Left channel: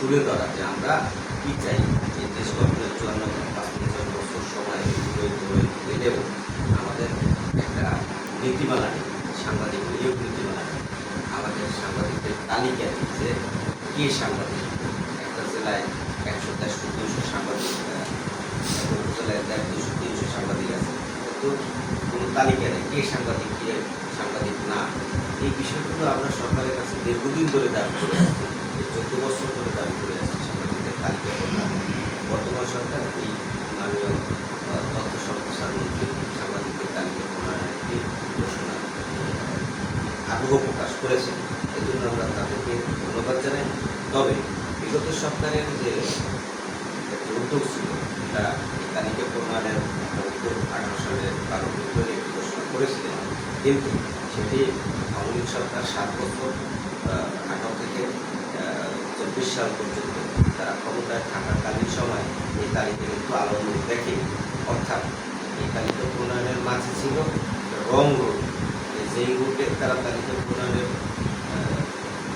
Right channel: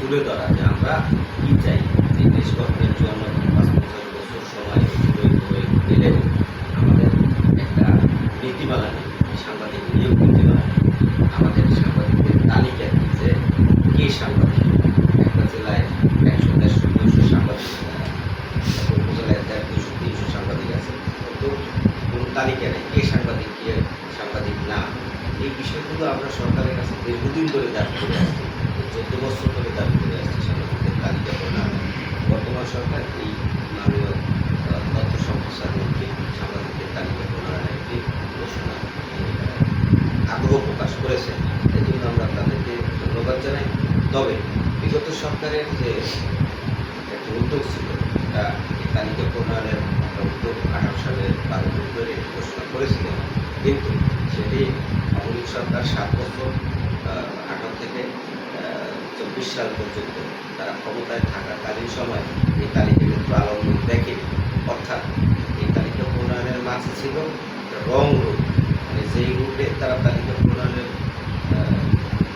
তুলে ধরা যে আমরা কী চাই। এই দেশ গঠনের ৫-৫ বছর সময় করে গেলেও আমাদের একটা নীতিমালা নেই, সাংবাদিক নিয়োগ নীতিমালা নেই। আমাদের সাংবাদিকদের তালিকা নেই যে কে সাংবাদিক। একটা জেলায় ১০০, ১৫০, ২০০ সাংবাদিক, একটা উপজেলায় ১৫০, ২০০, ৩০০ সাংবাদিক আছে, কিন্তু কোনো তালিকা নেই কে সাংবাদিক, কে সাংবাদিক না। এই বিষয়গুলো আমরা সরকারের কাছে দীর্ঘদিন ধরে দাবি করে আসছি, ১৪ বছর ধরে দাবি করে আসছি সাংবাদিকদের তালিকা প্রণয়ন। বর্তমান সরকার এই মাননীয় তথ্য সম্প্রচার মন্ত্রী সাংবাদিকদের তালিকা প্রণয়নের একটি ঘোষণা আগ্রহ প্রকাশ করেছেন। এই জন্য আমরা তাদেরকে ধন্যবাদ জানাই। তবে বিগত সরকারের যে একটি উদ্যোগ ছিল, তা এই তালিকা প্রণয়নের একটা উদ্যোগ ১৮ সালে ১২ ফেব্রুয়ারি একটি ঘোষণা করেছিলেন, কিন্তু সেটি আওয়ামী লীগ সরকার ৭ বছর ১৮ থেকে ২৪ সাল পর্যন্ত তারা ক্ষমতায় থাকাকালীন সময় এই তালিকা কিন্তু আলোর মুখ দেখেনি। অর্থাৎ এই তালিকা প্রণয়নের মাঝে ছিল রং রুট, মানে যেই রুটে তারা তালিকা প্রণয়নের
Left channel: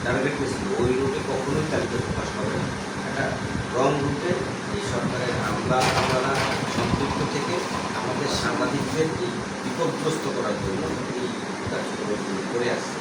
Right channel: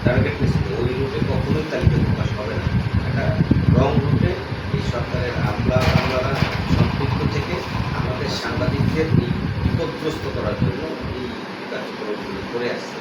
টার্গেট নিয়েছিল ওই রুটে কখনোই তালিকা প্রকাশ হবে না। একটা রং রুটে এই সরকারের আমলারা সম্পৃক্ত থেকে আমাদের সাংবাদিকদের এই বিপদগ্রস্ত করার জন্য এই কার্যক্রমগুলি করে আসছে।